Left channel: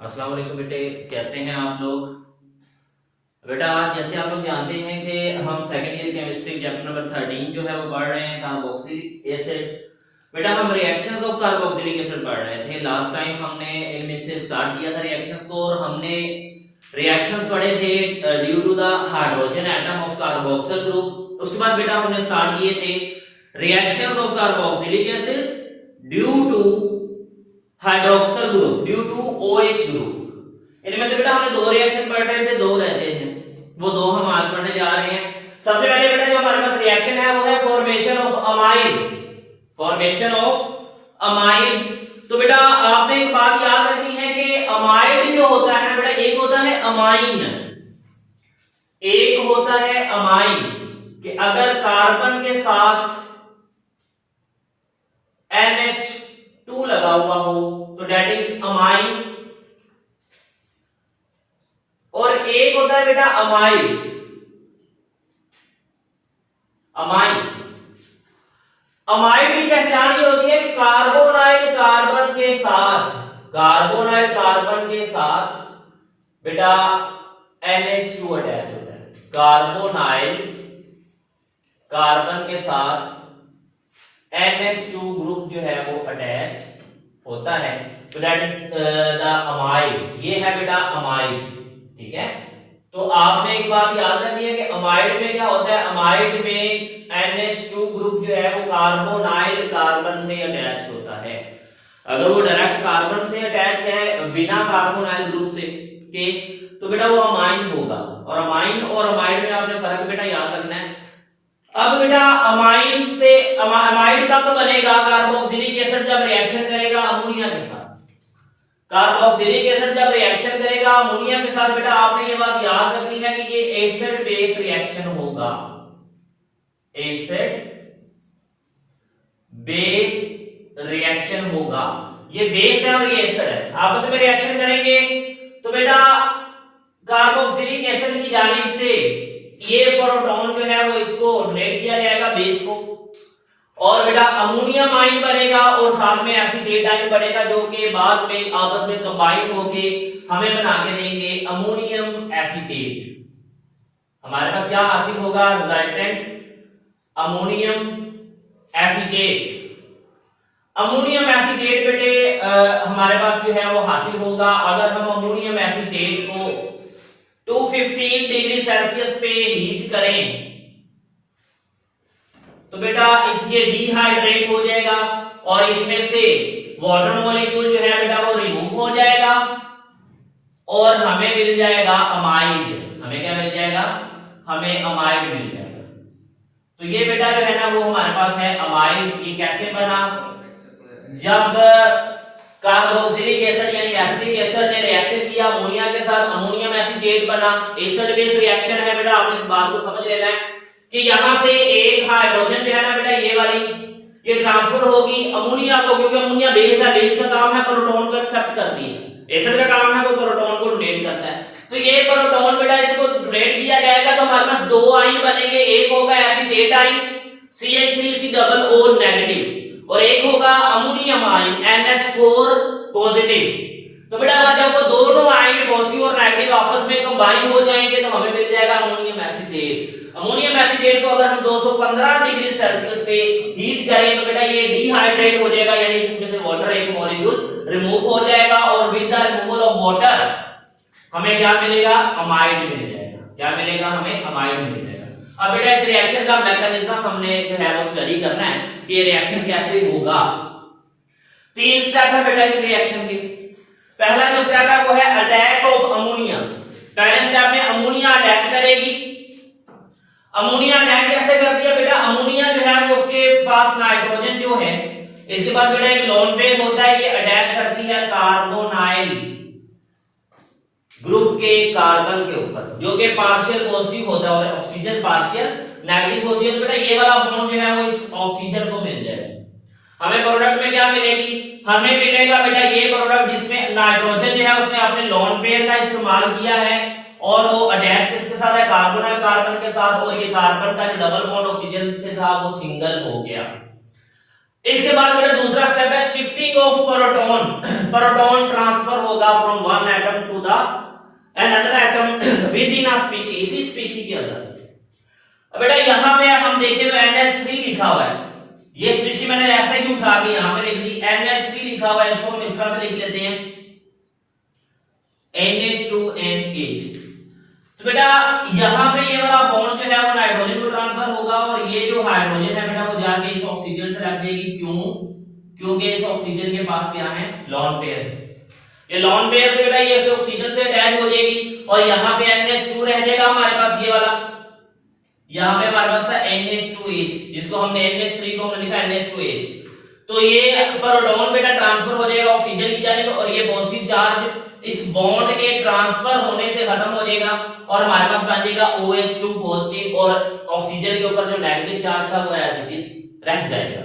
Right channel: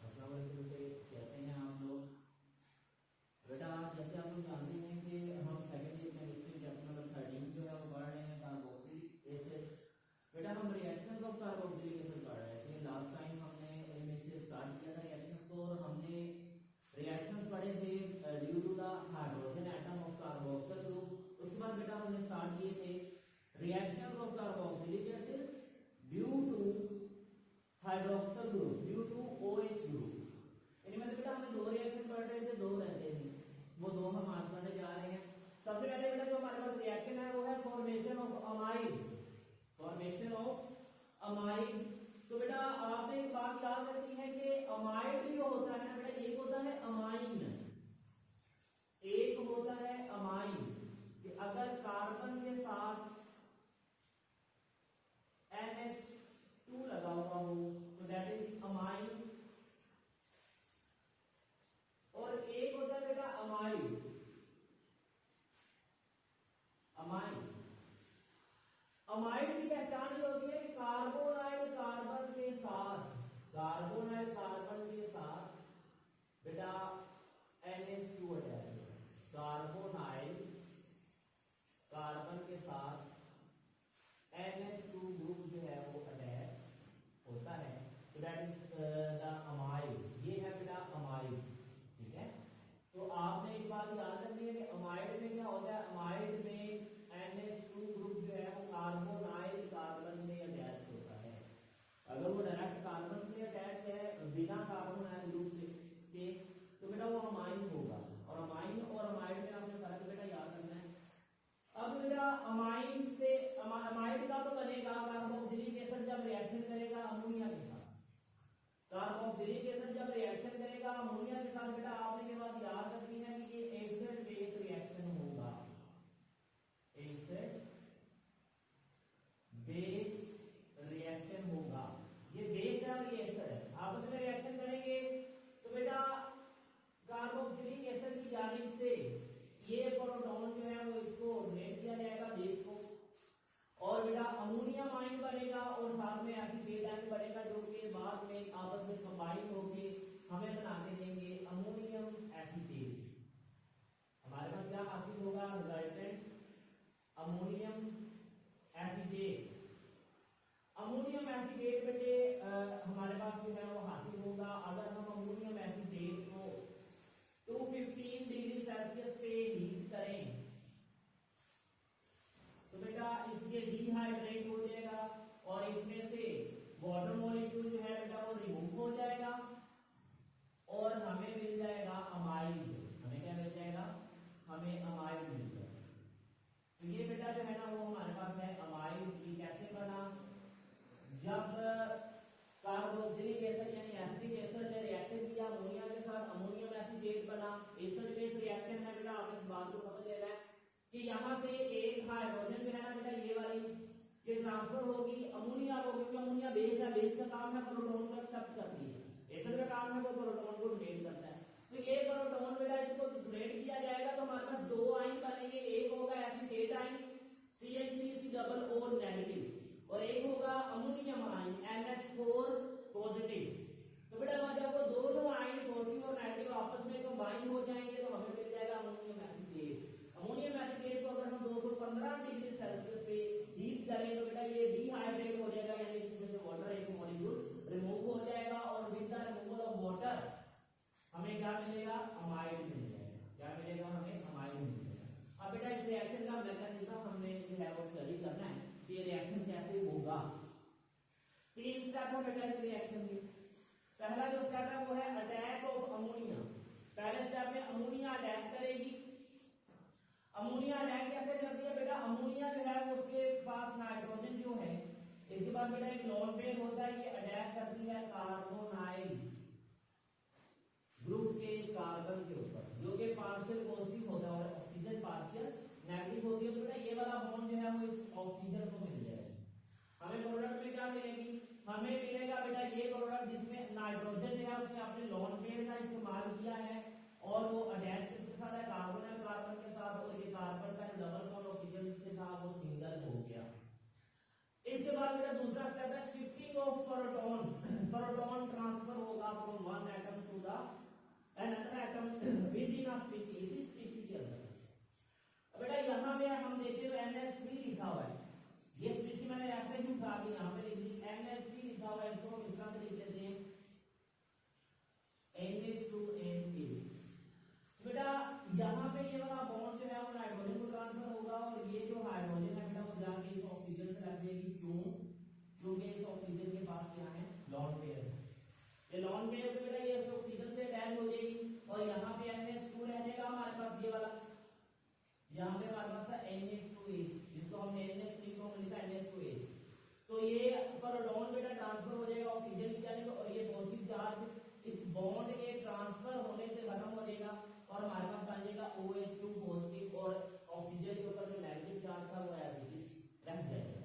अस्सलाम वालेकुम बेटे, कैसे हैं आप लोग। बेटा जैसे आप लोग जानते हैं कि हम second year chemistry chapter number 13 जो है वो पढ़ रहे हैं कार्बोक्सिलिक एसिड्स। बेटा हम रिएक्शंस ऑफ कार्बोक्सिलिक एसिड पढ़ रहे थे। लास्ट टाइम हमने इनमें से स्टार्ट किया था रिएक्शंस को और हमने रिएक्शंस पढ़े थे due to the hydrogen atom of carboxyl group. उसके बाद बेटा हमने स्टार्ट किए थे reactions of carboxylic acid due to hydroxyl group, due to OH group. इनमें से बेटा हमने दो रिएक्शन पढ़ रहे थे, दो रहते हैं, वो दो हम आज पढ़ने जा रहे हैं। सबसे पहले बेटा जो हमारे पास रिएक्शन है वो है formation of amide, formation of amide. तो बेटा आपने एक बात याद रखनी है कि अमाइड जो होता है बेटा, एक होता है अमाइन, एक होता है अमाइन, कि अगर कार्बन के साथ NH2 लगा हुआ हो तो दैट इज अमाइन। और एक होता है बेटा अमाइड, अमाइन। अमाइड की पहचान ये होती है कि कार्बोनाइल कार्बन के साथ, कार्बोनाइल कार्बन के साथ बेटा NH2 अटैच होता है। कार्बोनाइल कार्बन के साथ NH2 ग्रुप जो है वो अटैच होता है, तो दैट इज द अमाइड। ये है बेटा अमाइड, ठीक है। तो आपने एक बात याद रखनी है कि अमाइड में क्या होता है, अमाइड में NH2 ग्रुप जो है वो कार्बोनाइल कार्बन से अटैच होता है। अगर वो डायरेक्ट कार्बन से अटैच है बिना कार्बोनाइल ग्रुप से के, तो बेटा वो अमाइन होगा। और अमाइन और अमाइड में आपने फर्क बेटा याद रखना है। अब बेटा अमाइन से अमाइड कब बनेगा, कार्बोक्सिलिक एसिड जब रिएक्शन करेगा अमोनिया के साथ। कार्बोक्सिलिक एसिड जब रिएक्शन करेगा अमोनिया के साथ, बेटा आपने ये बात याद रखनी है कि ये एसिड बेस रिएक्शन होगा, एसिड बेस रिएक्शन होगा। ये बेस है और ये एसिड है, आपस में रिएक्शन करेंगे तो बेटा कार्बोक्सिलिक एसिड की जानिब से ये प्रोटॉन जो है वो इसको डोनेट किया जाएगा बेस को, और बेटा अमोनियम आयन बनेगा और साथ में एसीटेट आयन बनेगा, जो कि बाद में आपस में कंबाइन होके हमें बना के देंगे अमोनियम एसीटेट। हमारे पास क्या हासिल होगा, resultant ammonium acetate. Ammonium acetate बेटे हमारे पास जो है वो हासिल होगा अगर हम अमोनियम एसीटेट को 215 डिग्री सेल्सियस पे हीट करें, तो बेटा इसके डिहाइड्रेट हो जाएगा और इसमें से वाटर मॉलिक्यूल जो है बेटा वो रिमूव हो जाएगा और हमें मिल जाएगा अमाइड। हमें क्या मिल जाएगा, हमें अमाइड मिल जाएगा। तो ये बेटा जो है ना वो हमारे पास है अमाइड। ये कैसे बना, जब कार्बोक्सिलिक एसिड यानी एसिटिक एसिड ने रिएक्शन किया अमोनिया के साथ, अमोनियम एसीटेट बना, एसिड बेस रिएक्शन है बेटा। आपने इस बात को समझ लेना है कि यहां से एक हाइड्रोजन जो है ना बेटा ये वाली ये ट्रांसफर होगी अमोनिया को, क्योंकि अमोनिया बेस है, बेस का काम है प्रोटॉन को एक्सेप्ट करती है, एसिड का काम है वो प्रोटॉन को डोनेट करता है। तो ये प्रोटॉन बेटा इसको डोनेट किया जाएगा तो हमारे पास दो आयन बनेंगे, एक होगा acetate ion CH3C double O negative और एक होगा अमोनियम आयन NH4 पॉजिटिव। तो बेटा जब वो दोनों आयन पॉजिटिव और नेगेटिव आपस में कंबाइन हो जाएंगे तो हमें मिल जाएगा अमोनियम एसीटेट। अमोनियम एसीटेट को अगर हम 215 डिग्री सेल्सियस पे हीट करें तो बेटा ये डिहाइड्रेट हो जाएगा, यानी इसमें से वाटर एक मॉलिक्यूल रिमूव हो जाएगा और with the removal of water हमें क्या मिलेगा, अमाइड मिल जाएगा। क्या मिलेगा, हमें अमाइड मिल जाएगा। अब बेटा इस रिएक्शन का मैकेनिज्म हमने जो है वो स्टडी करना है कि ये रिएक्शन कैसे होगा। तीन स्टेप है बेटा इस रिएक्शन के। पहला जो स्टेप है वो है अटैक ऑफ अमोनिया। पहले स्टेप में अमोनिया अटैक करेगी। अमोनिया अटैक कैसे करती है बेटा, अमोनिया जो है वो उसके पास नाइट्रोजन जो है, इसके बाद बेटा एक लोन पेयर होता है, ये अटैक करती है कार्बोनाइल ग्रुप के कार्बन के ऊपर, जो कि पार्शियल पॉजिटिव होता है और ऑक्सीजन पार्शियल नेगेटिव होती है। तो बेटा ये वाला बॉन्ड जो है वो इस ऑक्सीजन को मिल जाएगा। हमें प्रोडक्ट में क्या मिलेगी, हमें मिलेगा बेटा ये प्रोडक्ट जिसमें नाइट्रोजन जो है उसने अपने लोन पेयर का इस्तेमाल किया है और वो अटैच किसके साथ है, कार्बोनाइल कार्बन के साथ, और ये कार्बन का जो डबल बॉन्ड ऑक्सीजन से था वो सिंगल हो गया। इसके बाद मेरा दूसरा स्टेप है shifting of proton. Proton transfer होगा from one atom to the another atom within a species, इसी स्पीशीज के अंदर। अब बेटा यहां पे हम देखें तो NH3 लिखा हुआ है, ये स्पीशीज मैंने ऐसे ही उठा के यहां पे लिख दी, NH3 लिखा हुआ है, इसको हम इस तरह से लिख लेते हैं NH2NH। तो बेटा यहां पे ये वाला बॉन्ड जो है वो नाइट्रोजन को ट्रांसफर होगा और ये जो हाइड्रोजन है बेटा वो जाके इस ऑक्सीजन से लग जाएगी। क्यों? क्योंकि इस ऑक्सीजन के पास क्या है, लोन पेयर है। ये लोन पेयर से बेटा ये इस ऑक्सीजन से अटैच हो जाएगी और यहां पे NH2 रह जाएगा हमारे पास, ये वाला यहां पे हमारे पास था NH2H, जिसको हमने NH3 को हमने लिखा NH2H। तो ये प्रोटॉन बेटा ट्रांसफर हो जाएगा ऑक्सीजन की जानिब और ये पॉजिटिव चार्ज इस बॉन्ड के ट्रांसफर होने से खत्म हो जाएगा और हमारे पास बन जाएगा OH2 पॉजिटिव और ऑक्सीजन के ऊपर जो नेगेटिव चार्ज था वो एज इट इज रह जाएगा।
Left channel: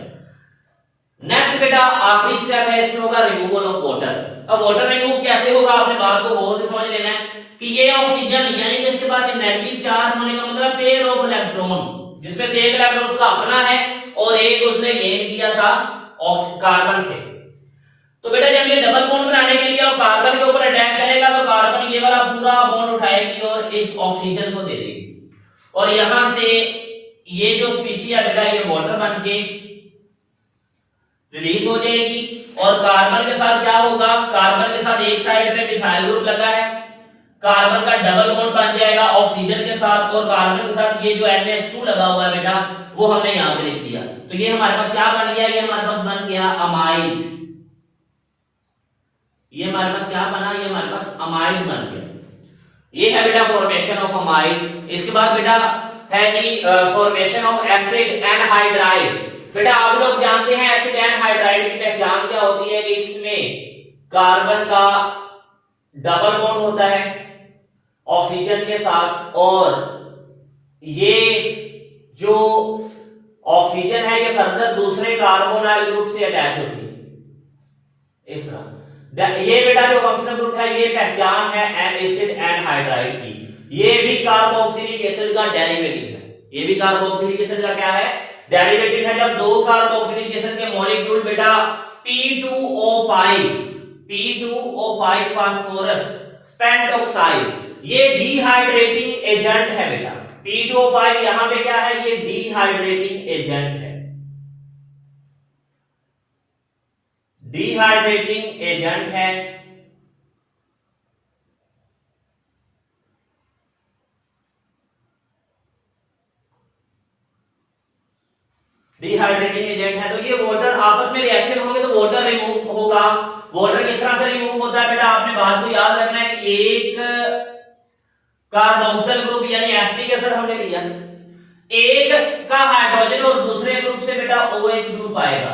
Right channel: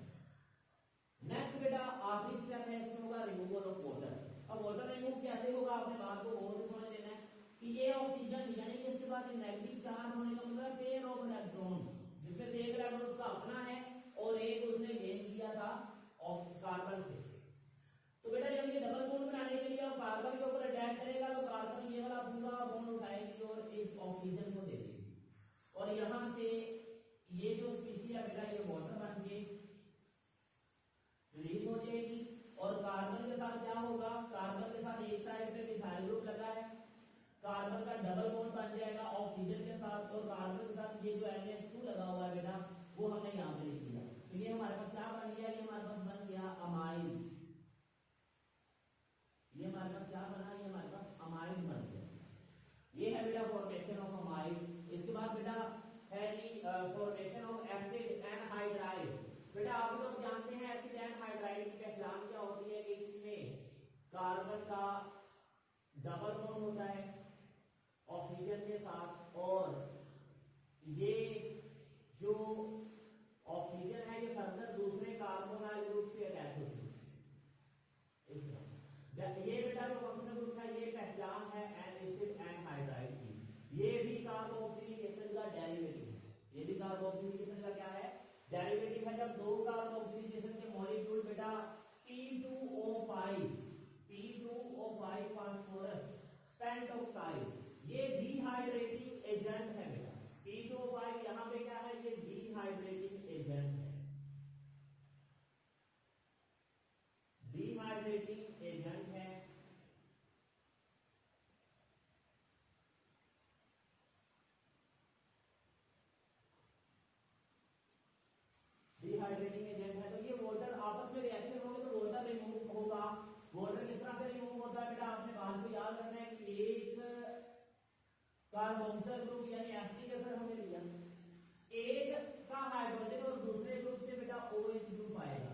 नेक्स्ट बेटा आखिरी स्टेप है, इसमें होगा रिमूवल ऑफ वाटर। अब वाटर रिमूव कैसे होगा, आपने बात को गौर से समझ लेना है कि ये ऑक्सीजन यानी कि इसके पास एक नेगेटिव चार्ज होने का मतलब पेयर ऑफ इलेक्ट्रॉन, जिसमें से एक इलेक्ट्रॉन उसका अपना है और एक उसने गेन किया था कार्बन से। तो बेटा जब ये डबल बॉन्ड बनाने के लिए और कार्बन के ऊपर अटैक करेगा तो कार्बन ये वाला पूरा बॉन्ड उठाएगी और इस ऑक्सीजन को दे देगी और यहां से ये जो स्पीशीज है बेटा ये वाटर बन के रिलीज हो जाएगी और कार्बन के साथ क्या होगा, कार्बन के साथ एक साइड पे मिथाइल ग्रुप लगा है, कार्बन का डबल बॉन्ड बन जाएगा ऑक्सीजन के साथ और कार्बन के साथ ये जो NH2 लगा हुआ है बेटा वो हमने यहां पे लिख दिया। तो ये हमारे पास क्या बन गया, ये हमारे पास बन गया अमाइड। ये हमारे पास क्या बना, ये हमारे पास अमाइड बन गया। ये है बेटा फॉर्मेशन ऑफ अमाइड। इसके बाद बेटा है कि फॉर्मेशन ऑफ एसिड एनहाइड्राइड। बेटा आप लोग जानते हैं एसिड एनहाइड्राइड की पहचान क्या होती है कि इसमें कार्बन का डबल बॉन्ड होता है ऑक्सीजन के साथ और ये जो ऑक्सीजन है ये फर्दर दूसरे कार्बोनाइल ग्रुप से अटैच होती है इस तरह। ये बेटा जो फंक्शनल ग्रुप है ये पहचान है एसिड एनहाइड्राइड की। ये भी कार्बोक्सिलिक एसिड का डेरिवेटिव है, ये भी कार्बोक्सिलिक एसिड का क्या है, डेरिवेटिव है। जब दो कार्बोक्सिलिक एसिड के मॉलिक्यूल बेटा P2O5 फास्फोरस पेंटॉक्साइड, ये डिहाइड्रेटिंग एजेंट है बेटा। P2O5 यहां पे क्या है, ये डिहाइड्रेटिंग एजेंट है, डिहाइड्रेटिंग एजेंट है। डिहाइड्रेटिंग एजेंट है तो ये वाटर आपस में रिएक्शन होंगे तो वाटर रिमूव होगा। वाटर किस तरह से रिमूव होता है बेटा, आपने बात को याद रखना है कि एक कार्बोक्सिल ग्रुप यानी एसिटिक एसिड हमने लिया, एक का हाइड्रोजन और दूसरे ग्रुप से बेटा OH ग्रुप आएगा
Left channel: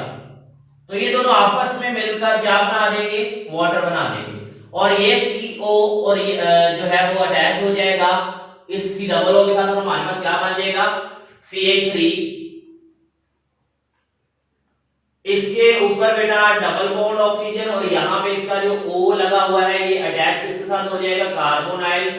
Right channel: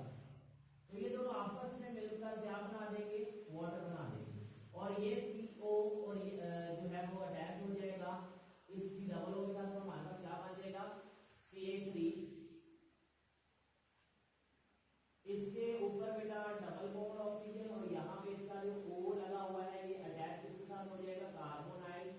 तो ये दोनों आपस में मिलकर क्या बना देंगे, वाटर बना देंगे और ये CO और ये जो है वो अटैच हो जाएगा इस C+O के साथ और हमारे पास क्या बन जाएगा CH3। इसके ऊपर बेटा डबल बॉन्ड ऑक्सीजन और यहाँ पे इसका जो O लगा हुआ है ये अटैच किसके साथ हो जाएगा, कार्बोनाइल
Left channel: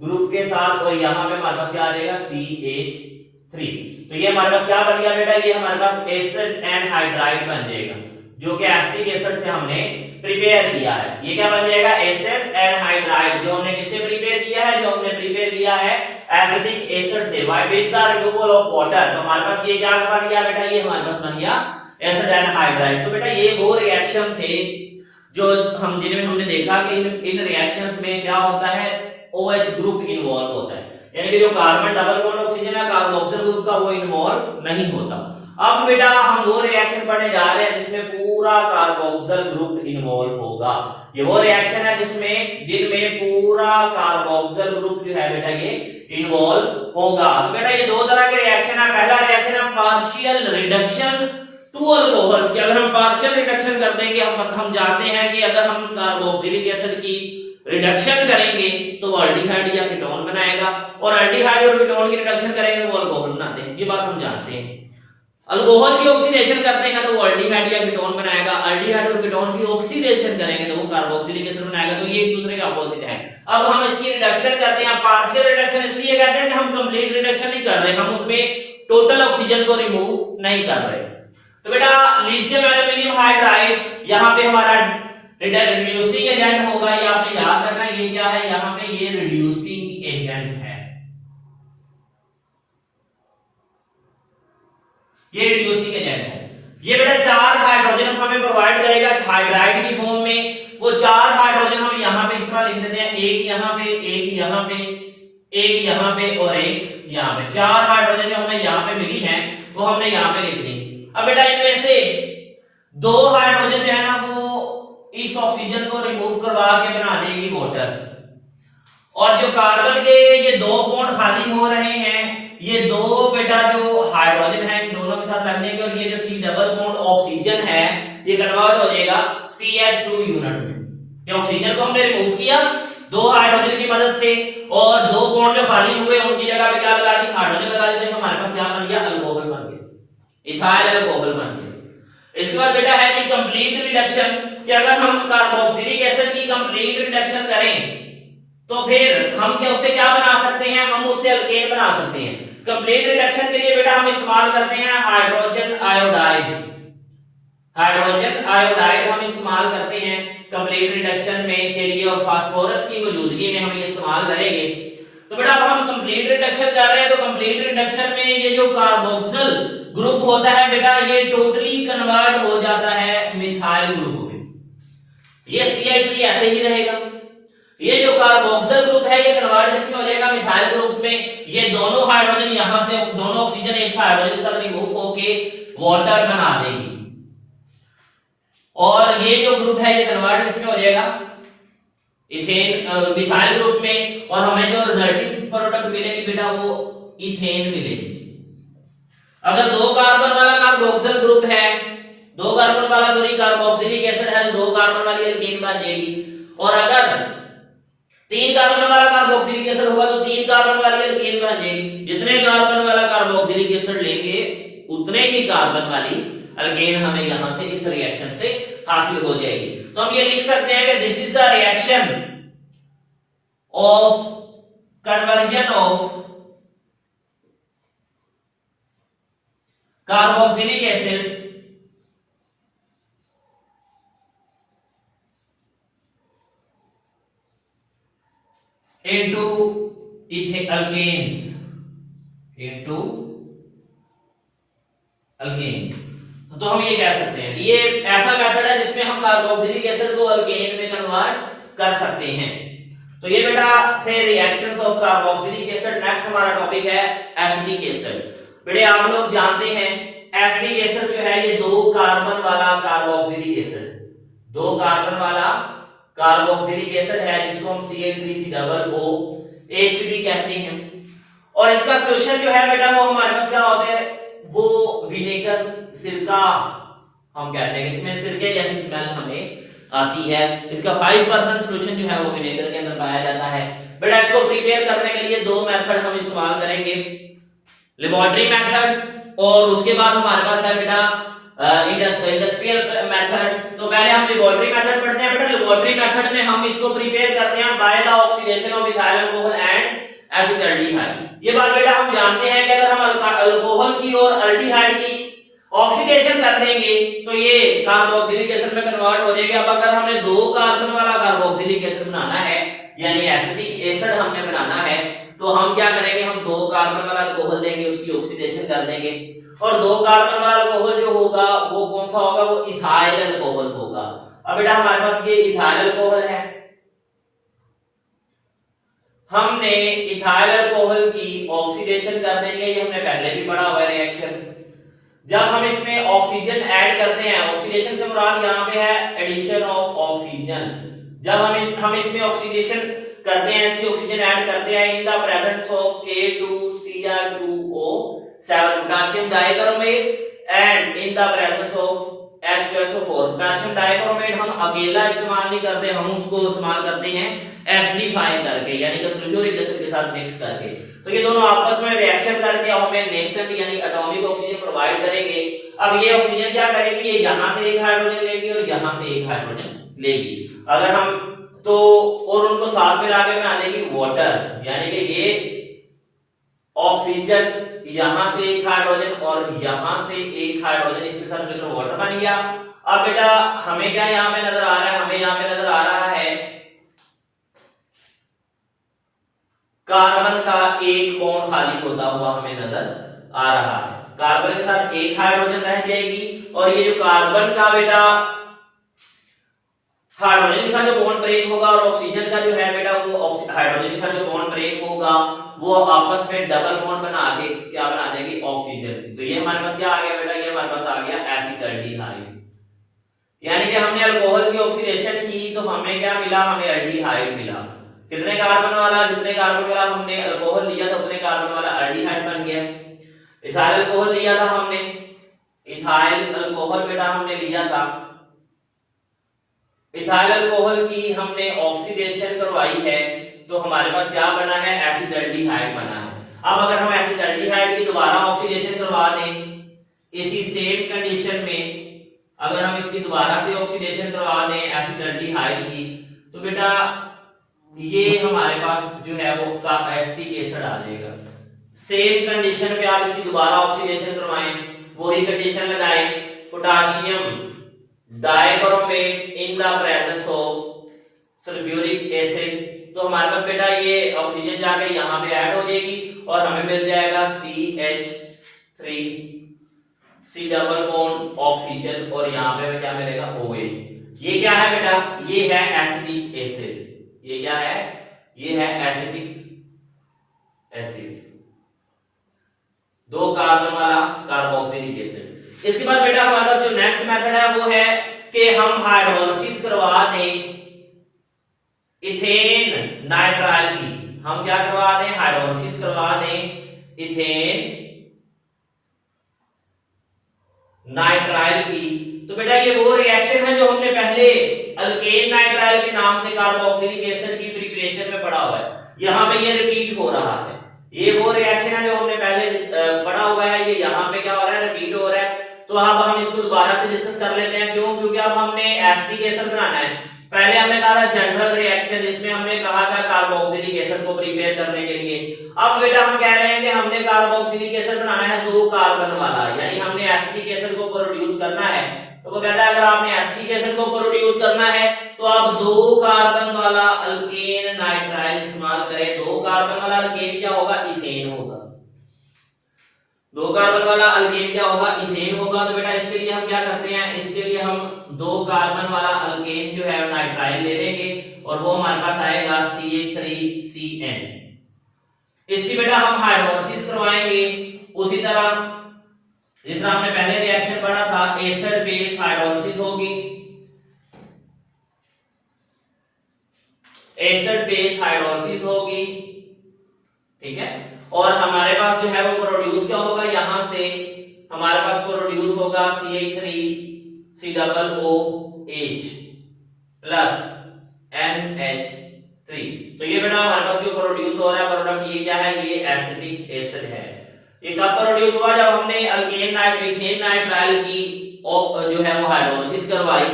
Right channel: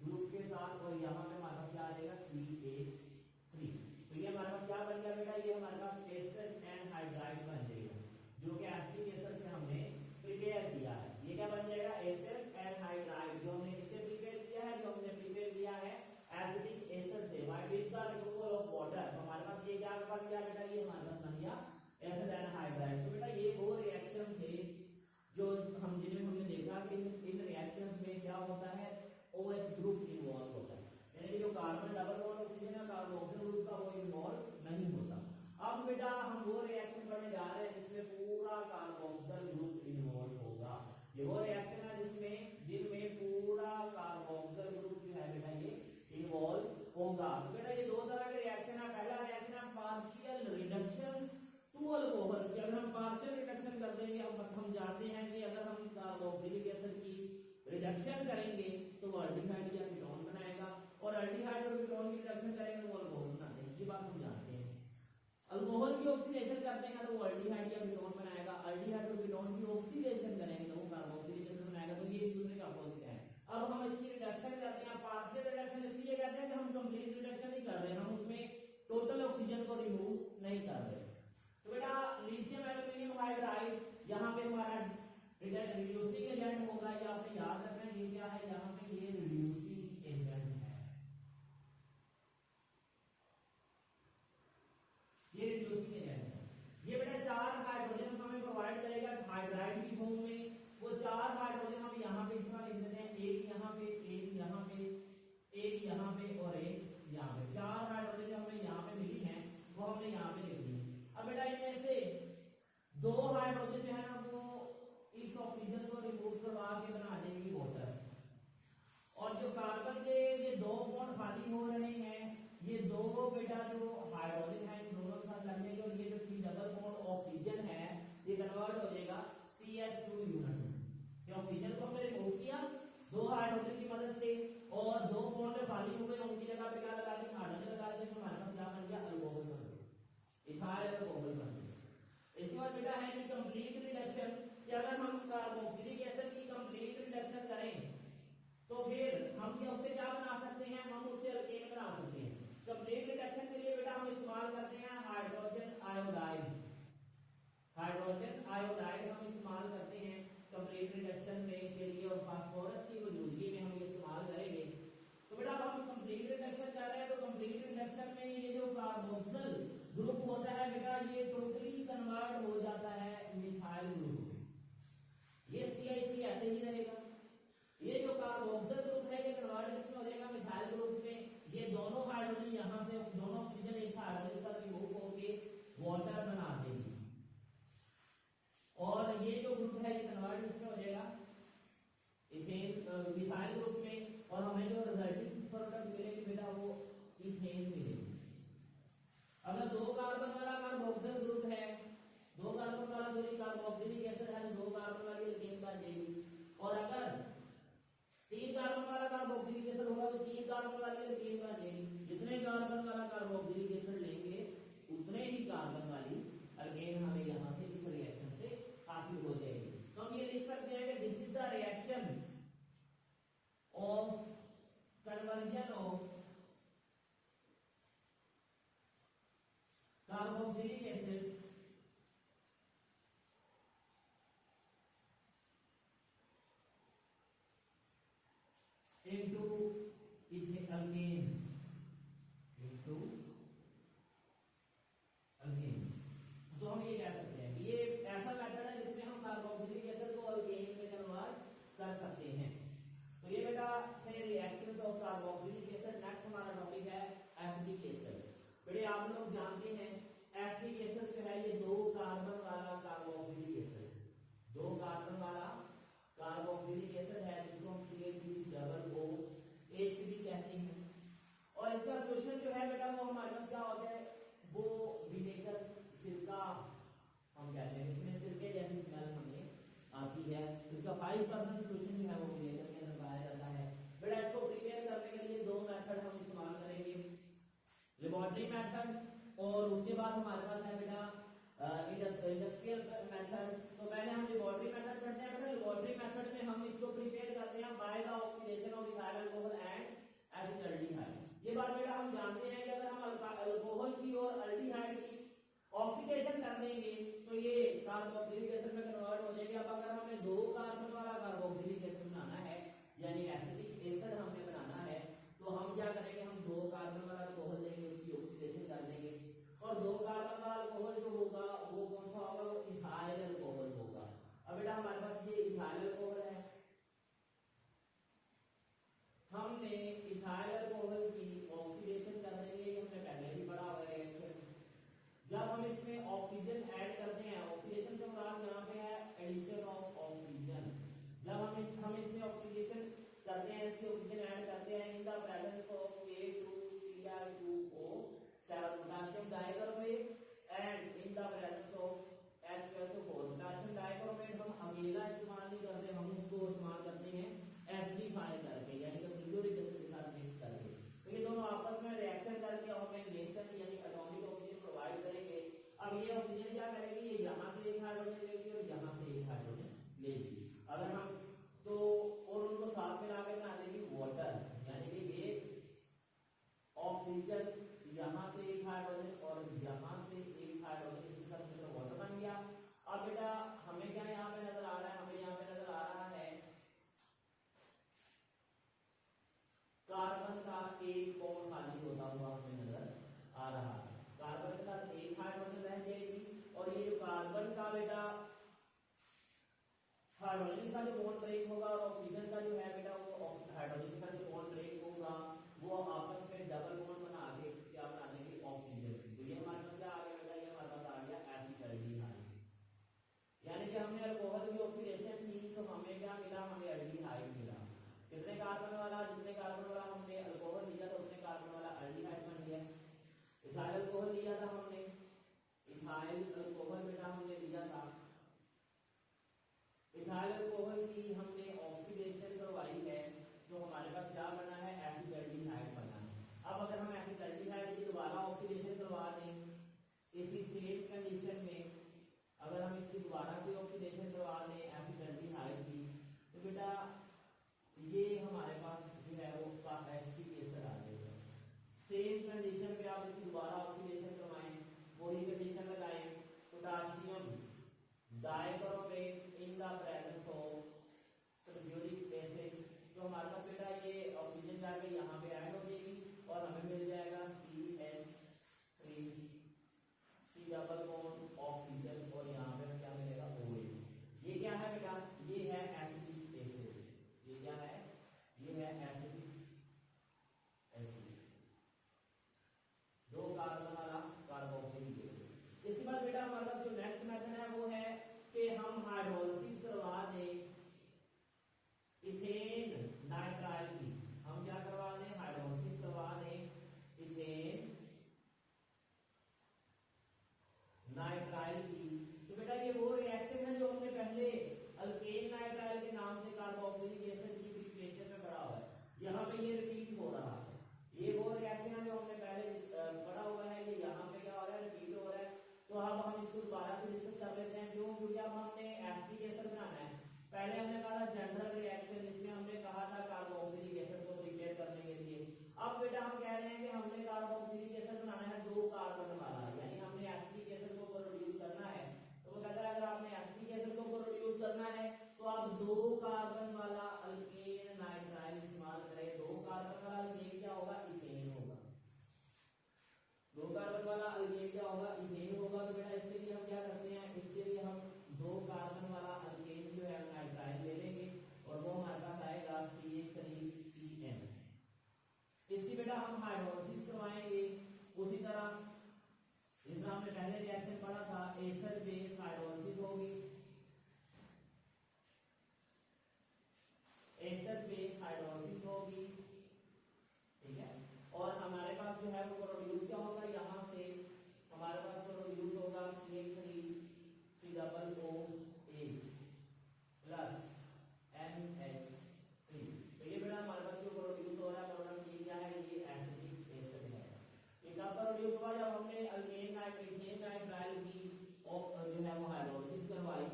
ग्रुप के साथ और यहाँ पे हमारे पास क्या आ जाएगा CH3। तो ये हमारे पास क्या बन गया बेटा, ये हमारे पास एसिड एनहाइड्राइड बन जाएगा जो कि एसिटिक एसिड से हमने प्रिपेयर किया है। ये क्या बन जाएगा, एसिड एनहाइड्राइड, जो हमने किससे प्रिपेयर किया है, जो हमने प्रिपेयर किया है एसिटिक एसिड से with the removal of water. तो हमारे पास ये क्या बन गया बेटा, ये हमारे पास बन गया एसिड एनहाइड्राइड। तो बेटा ये वो रिएक्शन थे जो हम जिनमें हमने देखा कि इन रिएक्शंस में क्या होता है, OH ग्रुप इन्वॉल्व होता है, यानी कि जो कार्बन डबल बॉन्ड ऑक्सीजन है कार्बोक्सिल ग्रुप का वो इन्वॉल्व नहीं होता। अब बेटा हम वो रिएक्शन पढ़ने जा रहे हैं जिसमें पूरा कार्बोक्सिल ग्रुप इन्वॉल्व होगा। ये वो रिएक्शन है जिनमें पूरा कार्बोक्सिल ग्रुप जो है बेटा ये इन्वॉल्व होगा। तो बेटा ये दो तरह के रिएक्शन है। पहला रिएक्शन है पार्शियल रिडक्शन टू अल्कोहल्स की। अगर हम पार्शियल रिडक्शन कर देंगे, हम जानते हैं कि अगर हम कार्बोक्सिलिक एसिड की रिडक्शन करेंगे तो वो अल्डिहाइड या कीटोन बनाएगा और अल्डिहाइड और कीटोन की रिडक्शन करेंगे तो वो अल्कोहल बनाते हैं, ये बात हम जानते हैं। अल्कोहल की ऑक्सीडेशन करते हैं तो वो अल्डिहाइड या कीटोन बनाएगा, अल्डिहाइड और कीटोन की ऑक्सीडेशन करेंगे तो वो कार्बोक्सिलिक एसिड बनाएगा। तो ये एक दूसरे के अपोजिट है। अब हम इसकी रिडक्शन करते हैं, पार्शियल रिडक्शन इसलिए कहते हैं कि हम कंप्लीट रिडक्शन नहीं कर रहे, हम उसमें टोटल ऑक्सीजन को रिमूव नहीं कर रहे। तो बेटा लिथियम एल्यूमिनियम हाइड्राइड यहाँ पे हमारा रिड्यूसिंग एजेंट होगा, ये आपने याद रखना। ये क्या है, यहाँ पे ये रिड्यूसिंग एजेंट है, ये रिड्यूसिंग एजेंट है। ये बेटा 4 हाइड्रोजन हमें प्रोवाइड करेगा हाइड्राइड की फॉर्म में। वो 4 हाइड्रोजन हम यहाँ पे इस तरह लिख देते हैं, एक यहाँ पे, एक यहाँ पे, एक यहाँ पे और एक यहाँ पे। 4 हाइड्रोजन जो हमें यहाँ पे मिली है वो हमने यहाँ पे लिख दी। अब बेटा इनमें से 2 हाइड्रोजन जो है ना वो इस ऑक्सीजन को रिमूव करवा के बना देगी वाटर, और जो कार्बन के ये 2 बॉन्ड खाली हो रहे हैं, ये 2 बेटा जो हाइड्रोजन है इन दोनों के साथ लग देंगे, और ये जो C डबल बॉन्ड ऑक्सीजन है ये कन्वर्ट हो जाएगा CH2 यूनिट में। ये ऑक्सीजन को हमने रिमूव किया 2 हाइड्रोजन की मदद से, और 2 बॉन्ड जो खाली हुए उनकी जगह पे क्या लगा दी, हाइड्रोजन लगा दी, तो हमारे पास क्या बन गया, अल्कोहल बन गया, इथाइल अल्कोहल बन गया। इसके बाद बेटा है कि कंप्लीट रिडक्शन, कि अगर हम कार्बोक्सिलिक एसिड की कंप्लीट रिडक्शन करें तो फिर हम क्या उससे क्या बना सकते हैं, हम उससे अल्केन बना सकते हैं। कंप्लीट रिडक्शन के लिए बेटा हम इस्तेमाल करते हैं हाइड्रोजन आयोडाइड, हाइड्रोजन आयोडाइड हम इस्तेमाल करते हैं कंप्लीट रिडक्शन में के लिए, और फास्फोरस की मौजूदगी में हम ये इस्तेमाल करेंगे। तो बेटा अब हम कंप्लीट रिडक्शन कर रहे हैं, तो कंप्लीट रिडक्शन में ये जो कार्बोक्सिल ग्रुप होता है बेटा ये टोटली कन्वर्ट हो जाता है मिथाइल ग्रुप में। ये CH3 ऐसे ही रहेगा। ये जो कार्बोक्सिल ग्रुप है ये कन्वर्ट किसमें हो जाएगा, मिथाइल ग्रुप में। ये दोनों हाइड्रोजन यहां से, दोनों ऑक्सीजन इस हाइड्रोजन के साथ रिमूव होके वाटर बना देगी, और ये जो ग्रुप है ये कन्वर्ट किसमें हो जाएगा, इथेन मिथाइल ग्रुप में, और हमें जो रिजल्टिंग प्रोडक्ट मिलेगी बेटा वो इथेन मिलेगी। अगर 2 कार्बन वाला कार्बोक्सिल ग्रुप है, 2 कार्बन वाला कार्बोक्सिलिक एसिड है, 2 कार्बन वाली एल्केन बन जाएगी। और अगर 3 कार्बन वाला कार्बोक्सिलिक एसिड होगा तो 3 कार्बन वाली एल्केन बन जाएगी। जितने कार्बन वाला कार्बोक्सिलिक एसिड लेंगे उतने ही कार्बन वाली एल्केन हमें यहां से इस रिएक्शन से हासिल हो जाएगी। तो हम ये लिख सकते हैं कि this is the reaction of conversion of carboxylic acids into alkanes, into alkanes। तो हम ये कह सकते हैं ये ऐसा मेथड है जिसमें हम कार्बोक्सिलिक एसिड को अल्केन में कन्वर्ट कर सकते हैं। तो ये बेटा थे reactions of carboxylic acid. Next हमारा टॉपिक है एसिटिक एसिड। बेटे आप लोग जानते हैं एसिटिक एसिड जो है ये 2 कार्बन वाला कार्बोक्सिलिक एसिड, 2 कार्बन वाला कार्बोक्सिलिक एसिड है जिसको हम CH3COOH भी कहते हैं। और इसका सॉल्यूशन जो है बेटा वो हमारे पास क्या होता है, वो विनेगर, सिरका हम कहते हैं। इसमें सिरके जैसी स्मेल हमें आती है। इसका 5% सॉल्यूशन जो है वो विनेगर के अंदर पाया जाता है। बेटा इसको प्रिपेयर करने के लिए 2 मेथड हम इस्तेमाल करेंगे, लेबोरेटरी मेथड और उसके बाद हमारे पास है बेटा इंडस्ट्रियल मेथड। तो पहले हम लेबोरेटरी मेथड पढ़ते हैं। बेटा लेबोरेटरी मेथड में हम इसको प्रिपेयर करते हैं by the oxidation of ethyl alcohol and acetaldehyde. ये बात बेटा हम जानते हैं कि अगर हम अल्कोहल की और अल्डिहाइड की ऑक्सीडेशन कर देंगे तो ये कार्बोक्सिलिक एसिड में कन्वर्ट हो जाएगा। अब अगर हमने 2 कार्बन वाला कार्बोक्सिलिक एसिड बनाना है यानी एसिटिक एसिड हमने बनाना है तो हम क्या करेंगे, हम 2 कार्बन वाला अल्कोहल लेंगे, उसकी ऑक्सीडेशन कर देंगे और 2 कार्बन वाला अल्कोहल जो होगा वो कौन सा होगा, वो इथाइल अल्कोहल होगा। अब बेटा हमारे पास ये इथाइल अल्कोहल है, हमने इथाइल अल्कोहल की ऑक्सीडेशन कर देंगे। ये हमने पहले भी पढ़ा हुआ है रिएक्शन। जब हम इसमें ऑक्सीजन ऐड करते हैं, ऑक्सीडेशन से मुराद यहाँ पे है एडिशन ऑफ ऑक्सीजन। जब हम इसमें ऑक्सीडेशन करते हैं, इसकी ऑक्सीजन ऐड करते हैं in the presence of K2Cr2O7 potassium dichromate and in the presence of H2SO4। Potassium dichromate हम अकेला इस्तेमाल नहीं करते, हम उसको इस्तेमाल करते हैं एसिडिफाई करके यानी कि सल्फ्यूरिक एसिड के साथ मिक्स करके। तो ये दोनों आपस में रिएक्शन करके हमें नेसेंट यानी एटॉमिक ऑक्सीजन प्रोवाइड करेंगे। अब ये ऑक्सीजन क्या करेगी, ये यहां से एक हाइड्रोजन लेगी और यहां से एक हाइड्रोजन लेगी। अगर हम तो और उनको साथ मिला के बना देगी वाटर, यानी कि ये ऑक्सीजन यहां से एक हाइड्रोजन और यहां से एक हाइड्रोजन, इसके साथ मिलकर वाटर बन गया। अब बेटा हमें क्या यहां पे नजर आ रहा है, हमें यहां पे नजर आ रहा है कार्बन का एक बॉन्ड खाली होता हुआ हमें नजर आ रहा है। कार्बन के साथ एक हाइड्रोजन रह जाएगी और ये जो कार्बन का बेटा हाइड्रोजन के साथ जो बॉन्ड ब्रेक होगा और ऑक्सीजन का जो है बेटा वो हाइड्रोजन के साथ जो बॉन्ड ब्रेक होगा वो आपस में डबल बॉन्ड बना के क्या बना देंगे, ऑक्सीजन। तो ये हमारे पास क्या आ गया बेटा, ये हमारे पास आ गया एसिटाल्डिहाइड। यानी कि हमने अल्कोहल की ऑक्सीडेशन की तो हमें क्या मिला, हमें एल्डिहाइड मिला। कितने कार्बन वाला, जितने कार्बन वाला हमने अल्कोहल लिया था उतने कार्बन वाला एल्डिहाइड बन गया। इथाइल अल्कोहल लिया था हमने, इथाइल अल्कोहल बेटा हमने लिया था, इथाइल अल्कोहल की हमने ऑक्सीडेशन करवाई है तो हमारे पास क्या बना है, एसिटाल्डिहाइड बना है। अब अगर हम एसिटाल्डिहाइड की दोबारा ऑक्सीडेशन करवा दें इसी सेम कंडीशन में, अगर हम इसकी दोबारा से ऑक्सीडेशन करवा दें एसिटाल्डिहाइड की तो बेटा ये हमारे पास जो है वो एसिटिक एसिड आ जाएगा। सेम कंडीशन पे आप इसकी दोबारा ऑक्सीडेशन करवाएं, वही कंडीशन लगाएं, potassium dichromate in the presence of sulphuric acid, तो हमारे पास बेटा ये ऑक्सीजन जाके यहाँ पे ऐड हो जाएगी और हमें मिल जाएगा CH3 C double bond oxygen और यहाँ पे हमें क्या मिलेगा, OH। ये क्या है बेटा, ये है एसिटिक एसिड। ये क्या है, ये है एसिटिक एसिड, दो कार्बन वाला कार्बोक्सिलिक एसिड। इसके बाद बेटा हमारे पास जो नेक्स्ट मेथड है वो है कि हम हाइड्रोलिसिस करवा दें इथेन नाइट्राइल की। हम क्या करवा दें, हाइड्रोलिसिस करवा दें इथेन नाइट्राइल की। तो बेटा ये वो रिएक्शन है जो हमने पहले अल्केन नाइट्राइल के नाम से कार्बोक्सिलिक एसिड की प्रिपरेशन में पढ़ा हुआ है, यहाँ पे ये रिपीट हो रहा है। ये वो रिएक्शन है जो हमने पहले पढ़ा हुआ है, ये यहाँ पे क्या हो रहा है, रिपीट हो रहा है। तो अब हम इसको दोबारा से डिस्कस कर लेते हैं। क्यों, क्योंकि अब हमने एसिटिक एसिड बनाना है। पहले हमने कहा था जनरल रिएक्शन, जिसमें हमने कहा था कार्बोक्सिलिक एसिड को प्रिपेयर करने के लिए। अब बेटा हम कह रहे हैं कि हमने कार्बोक्सिलिक एसिड बनाना है दो कार्बन वाला, यानी हमने एसिटिक एसिड को प्रोड्यूस करना है। तो वो कहता है अगर आपने एसिटिक एसिड को प्रोड्यूस करना है तो आप दो कार्बन वाला अल्केन नाइट्राइल इस्तेमाल करें। दो कार्बन वाला अल्केन क्या होगा, इथेन होगा। दो कार्बन वाला अल्केन क्या होगा, इथेन होगा। तो बेटा इसके लिए हम क्या करते हैं, इसके लिए हम दो कार्बन वाला अल्केन जो है नाइट्राइल ले लेंगे और वो हमारे पास आएगा CH3CN। इसकी बेटा हम हाइड्रोलिसिस करवाएंगे उसी तरह जिस तरह हमने पहले रिएक्शन पढ़ा था, एसिड बेस हाइड्रोलिसिस होगी, एसिड बेस हाइड्रोलिसिस होगी, ठीक है। और हमारे पास जो है वो प्रोड्यूस क्या होगा, यहां से हमारे पास प्रोड्यूस होगा CH3COOH प्लस NH3। तो ये बेटा हमारे पास जो प्रोड्यूस हो रहा है प्रोडक्ट, ये क्या है, ये एसिटिक एसिड है। ये कब प्रोड्यूस हुआ, जब हमने अल्केन नाइट्राइल की जो है वो हाइड्रोलिसिस करवाई।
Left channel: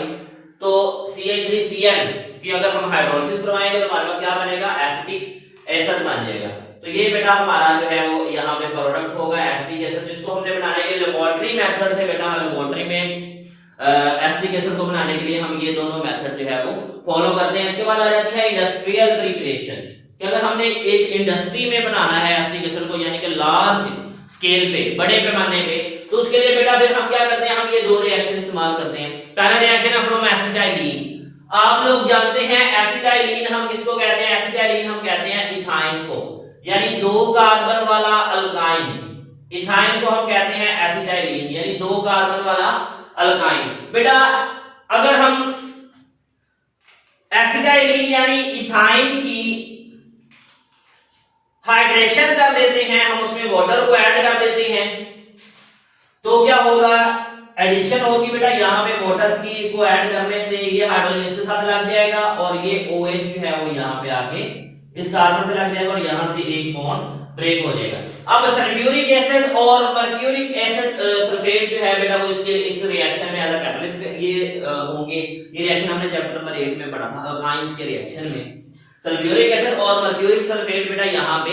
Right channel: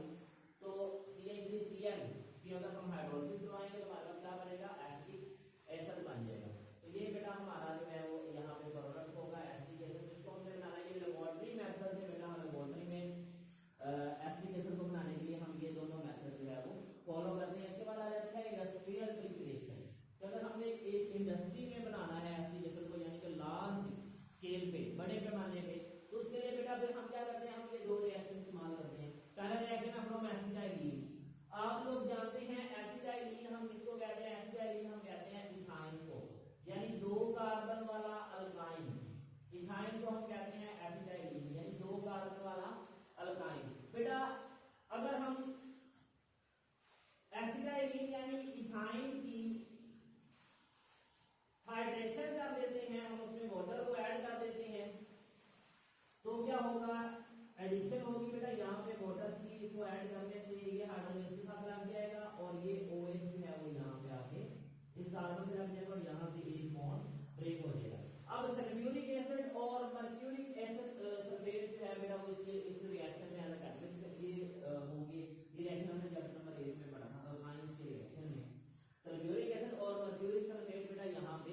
तो CH3CN की अगर हम हाइड्रोलिसिस करवाएंगे तो हमारे पास क्या बनेगा, एसिटिक एसिड बन जाएगा। तो ये बेटा हमारा जो है वो यहाँ पे प्रोडक्ट होगा एसिटिक एसिड, जिसको हमने बनाना है। ये लेबोरेटरी मेथड थे बेटा, लेबोरेटरी में एसिटिक एसिड को बनाने के लिए हम ये दोनों मेथड जो है वो फॉलो करते हैं। इसके बाद आ जाती है इंडस्ट्रियल प्रिपरेशन, कि अगर हमने एक इंडस्ट्री में बनाना है एसिटिक एसिड को, यानी कि लार्ज स्केल पे, बड़े पैमाने पे, तो उसके लिए बेटा फिर हम क्या करते हैं, हम ये दो रिएक्शन इस्तेमाल करते हैं। पहला रिएक्शन है फ्रॉम एसिटाइलिन। आप लोग जानते हैं एसिटाइलिन हम किसको कहते हैं, एसिटाइलिन हम कहते हैं इथाइन को, यानी दो कार्बन वाला अल्काइन। इथाइन को हम कहते हैं एसिटाइलिन, यानी दो कार्बन वाला अल्काइन। बेटा अगर हम एसिटाइलिन यानी इथाइन की हाइड्रेशन कर देते हैं, हम उसमें वाटर को ऐड कर देते हैं, तो क्या होगा, एडिशन होगी बेटा। यहाँ पे वाटर की को ऐड करने से ये हाइड्रोजन इसके साथ लग जाएगा और ये OH जो है वो यहाँ पे आके इस कार्बन से लग जाएगा और यहाँ से एक बॉन्ड ब्रेक हो जाएगा। अब सल्फ्यूरिक एसिड और मर्क्यूरिक एसिड सल्फेट जो है बेटा वो इसके इस रिएक्शन में एज अ कैटलिस्ट ये होंगे। ये रिएक्शन हमने चैप्टर नंबर 8 में पढ़ा था, अल्काइंस के रिएक्शन में। सल्फ्यूरिक एसिड और मर्क्यूरिक सल्फेट बेटा यहाँ पे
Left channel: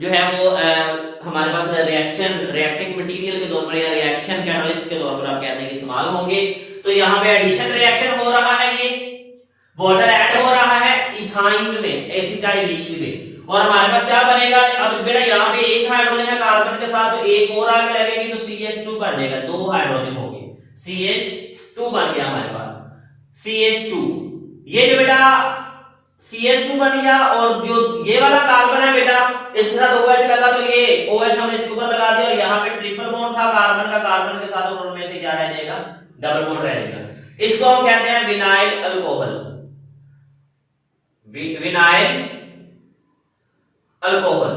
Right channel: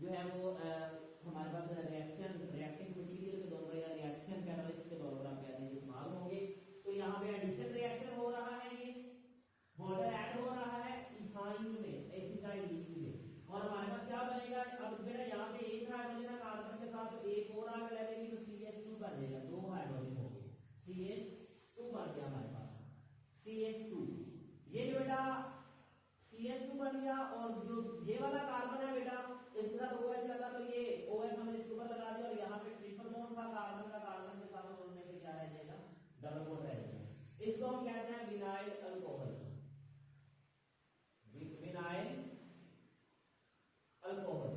जो है वो हमारे पास रिएक्टिंग मटेरियल के तौर पर या रिएक्शन कैटलिस्ट के तौर पर आप कहते हैं कि इस्तेमाल होंगे। तो यहाँ पे एडिशन रिएक्शन हो रहा है, ये वाटर ऐड हो रहा है इथाइन में, एसिटाइलिन में, और हमारे पास क्या बनेगा। अब बेटा यहाँ पे एक हाइड्रोजन है कार्बन के साथ, तो एक और आगे लगेगी तो CH2 बन जाएगा, दो हाइड्रोजन हो गए, CH2 बन गया हमारे पास, CH2। ये जो बेटा CH2 बन गया, और जो ये वाला कार्बन है बेटा इसके साथ OH लगा, तो ये OH हमने इसके ऊपर लगा दिया, और यहाँ पे ट्रिपल बॉन्ड था कार्बन का कार्बन के साथ, और उनमें से क्या रह जाएगा, डबल बॉन्ड रह जाएगा। इसको हम कहते हैं vinyl alcohol. Vinyl alcohol,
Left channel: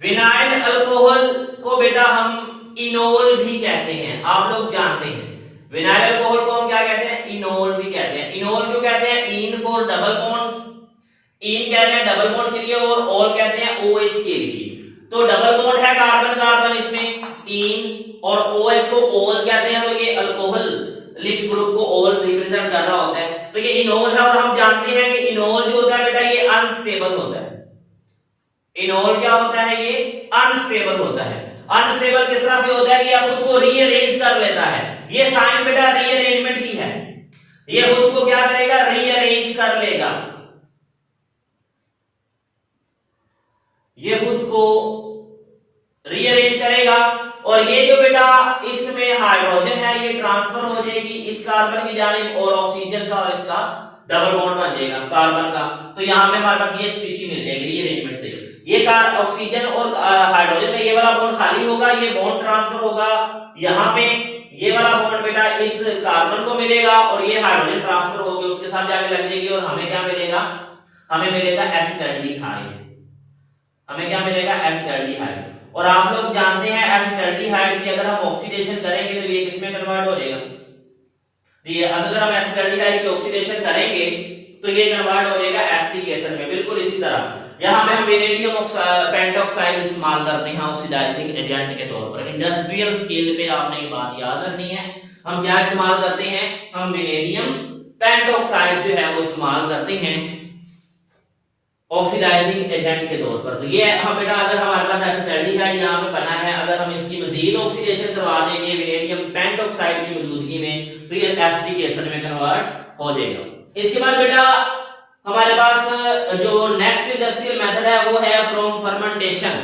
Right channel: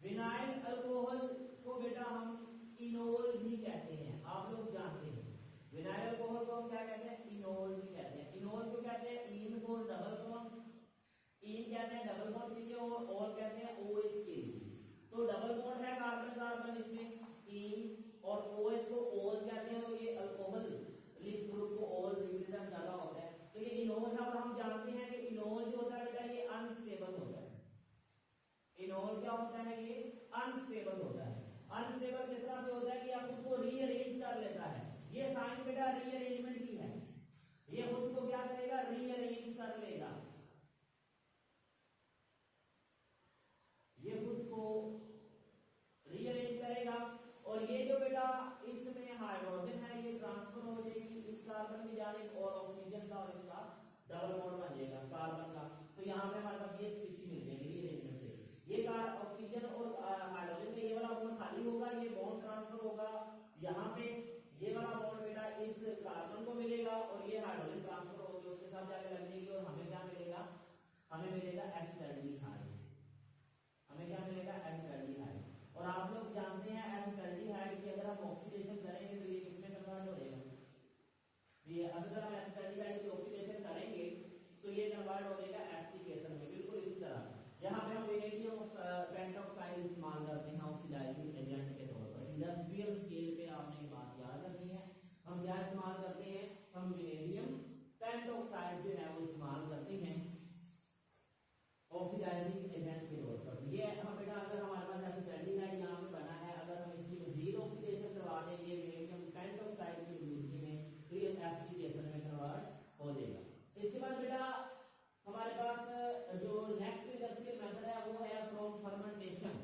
vinyl alcohol को बेटा हम इनोल भी कहते हैं, आप लोग जानते हैं। विनाइल अल्कोहल को हम क्या कहते हैं, इनोल भी कहते हैं। इनोल क्यों कहते हैं, इन फॉर डबल बॉन्ड, इन कहते हैं डबल बॉन्ड के लिए, और ऑल कहते हैं OH के लिए। तो डबल बॉन्ड है कार्बन कार्बन इसमें, इन, और OH को ऑल कहते हैं, तो ये अल्कोहल लिप ग्रुप को ऑल रिप्रेजेंट कर रहा होता है, तो ये इनोल है। और हम जानते हैं कि इनोल जो होता है बेटा ये अनस्टेबल होता है। इनोल क्या होता है, ये अनस्टेबल होता है। अनस्टेबल किस तरह से होता है कि यह खुद को रीअरेंज कर लेता है। ये साइन बेटा रीअरेंजमेंट की है, ये खुद को क्या करेगा, रीअरेंज कर लेगा, ये खुद को रीअरेंज करेगा। और ये जो बेटा इसमें हाइड्रोजन है ये ट्रांसफर हो जाएगी इस कार्बन की जानिब, और ऑक्सीजन का और इसका डबल बॉन्ड बन जाएगा कार्बन का। तो यहाँ पे हमारे पास ये स्पीशीज मिल जाएगी रीअरेंजमेंट से। ये ऑक्सीजन और हाइड्रोजन का ये वाला बॉन्ड खाली होगा, ये बॉन्ड ट्रांसफर होगा यहाँ पे, ये वाला बॉन्ड बेटा इस कार्बन को मिलेगा, और ये हाइड्रोजन ट्रांसफर होकर उसके साथ जाके लग जाएगी, और हमें क्या मिलेगा, हमें मिलेगा एसिटाल्डिहाइड। हमें क्या मिलेगा, एसिटाल्डिहाइड। और आप लोग जानते हैं एसिटाल्डिहाइड की अगर हम ऑक्सीडेशन करेंगे तो ये किसमें कन्वर्ट हो जाएगा, ये अगर हम एसिटाल्डिहाइड की ऑक्सीडेशन करेंगे तो ये कन्वर्ट हो जाएगा एसिटिक एसिड में। बिल्कुल इसी तरह यहाँ पे हम वेनेडियम पेंटॉक्साइड इस्तेमाल करते हैं ऑक्सीडाइजिंग एजेंट के तौर पर। इंडस्ट्रियल स्केल पे आपने ये बात याद रखनी है, हम क्या इस्तेमाल करते हैं, हम वेनेडियम पेंटॉक्साइड जो है वो इस्तेमाल करते हैं ऑक्सीडाइजिंग एजेंट के तौर पर। तो ये हम बेटा अगर हमारे पास एसिटाल्डिहाइड यहाँ पे बना है, अगर हम इसकी मजीद ऑक्सीडेशन करवा देंगे वेनेडियम पेंटॉक्साइड की मौजूदगी में, तो ये एसिटिक एसिड में कन्वर्ट हो जाएगा। इसके बाद बेटा हमारे पास जो नेक्स्ट इंडस्ट्रियल मेथड है वो है फ्रॉम फर्मेंटेशन।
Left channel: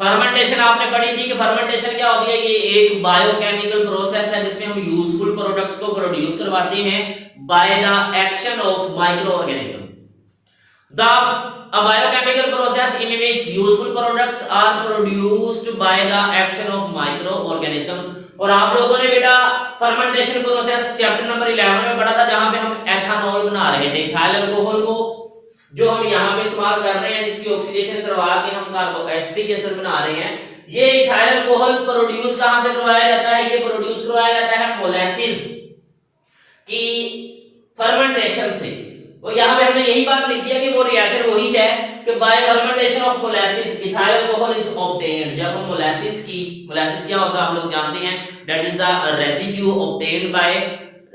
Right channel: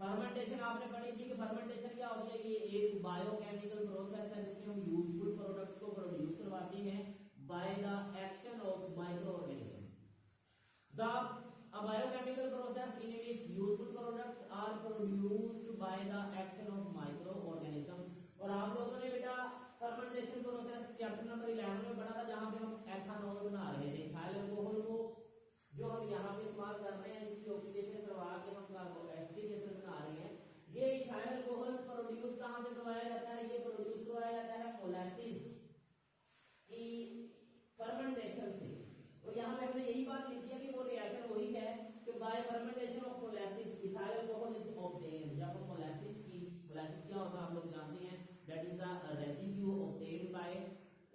फर्मेंटेशन आपने पढ़ी थी कि फर्मेंटेशन क्या होती है, ये एक बायोकेमिकल प्रोसेस है जिसमें हम यूजफुल प्रोडक्ट्स को प्रोड्यूस करवाते हैं by the action of micro organism. A biochemical process in which useful products are produced by the action of microorganisms। और आप लोगों ने बेटा फर्मेंटेशन प्रोसेस चैप्टर नंबर 11 में पढ़ा था, जहां पे हम एथेनॉल बना रहे थे, इथाइल अल्कोहल को जो हम यहाँ पे इस्तेमाल कर रहे हैं, जिसकी ऑक्सीडेशन करवा के हम कार्बोएसिटिक एसिड बना रहे हैं। ये इथाइल अल्कोहल प्रोड्यूस कहां से करवाया जाता है, ये प्रोड्यूस करवाया जाता है मोलेसिस की फर्मेंटेशन से। और यहाँ पे हमने यही बात लिखी है कि वो रिएक्शन वही है कि bye fermentation of molasses ethyl alcohol is obtained. जब हम मोलेसिस क्या होता है आप लोग जानते हैं, that is the residue obtained by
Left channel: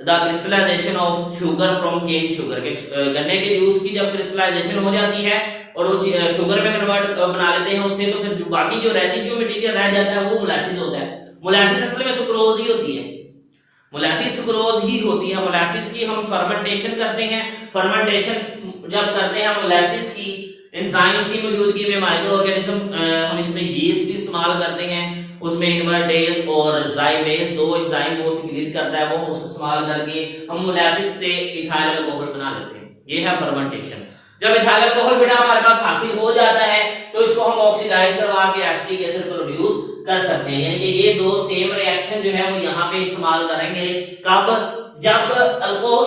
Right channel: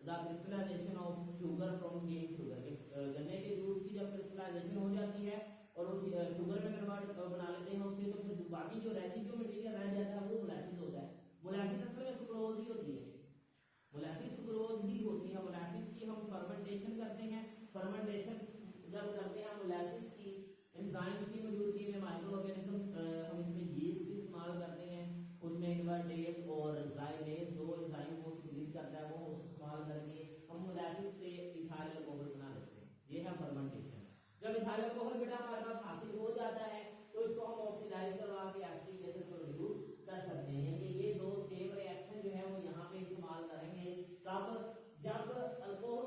the crystallization of sugar from cane sugar. के गन्ने के जूस की जब क्रिस्टलाइजेशन हो जाती है और वो शुगर में कन्वर्ट बना लेते हैं उससे, तो फिर बाकी जो रेसिड्यू मटेरियल रह जाता है वो मोलेसिस होता है। मोलेसिस असल में सुक्रोज ही होती है, मोलेसिस सुक्रोज ही होती है। मोलेसिस की हम फर्मेंटेशन करते हैं, फर्मेंटेशन जब करते हैं मोलेसिस की एंजाइम्स की मौजूदगी में माइक्रो ऑर्गेनिज्म हम इसमें यीस्ट इस्तेमाल करते हैं, उसमें इनवर्टेज और जाइमेज दो एंजाइम को सिक्रीट करता है, वो उसको इस्तेमाल करके हम मोलेसिस से इथाइल अल्कोहल बना लेते हैं। ये है फर्मेंटेशन। जब इथाइल अल्कोहल बेटा हमारे पास हासिल हो जाता है तो इसको हम ऑक्सीडाइज करवा के एसिटिक एसिड प्रोड्यूस कर सकते हैं। यानी कि ये दो सेम रिएक्शन जो है वो यहाँ पे इस्तेमाल करेंगे कब, जब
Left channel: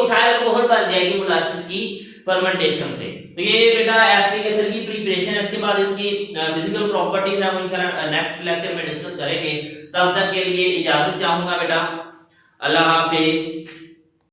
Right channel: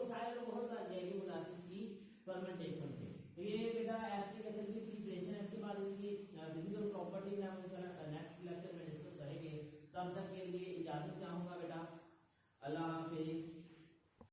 इथाइल अल्कोहल बन जाएगी मोलेसिस की फर्मेंटेशन से। तो ये बेटा एसिटिक एसिड की प्रिपरेशन है। इसके बाद इसकी फिजिकल प्रॉपर्टीज है वो इंशाल्लाह नेक्स्ट लेक्चर में डिस्कस करेंगे। तब तक के लिए इजाजत चाहूंगा बेटा, अल्लाह हाफिज।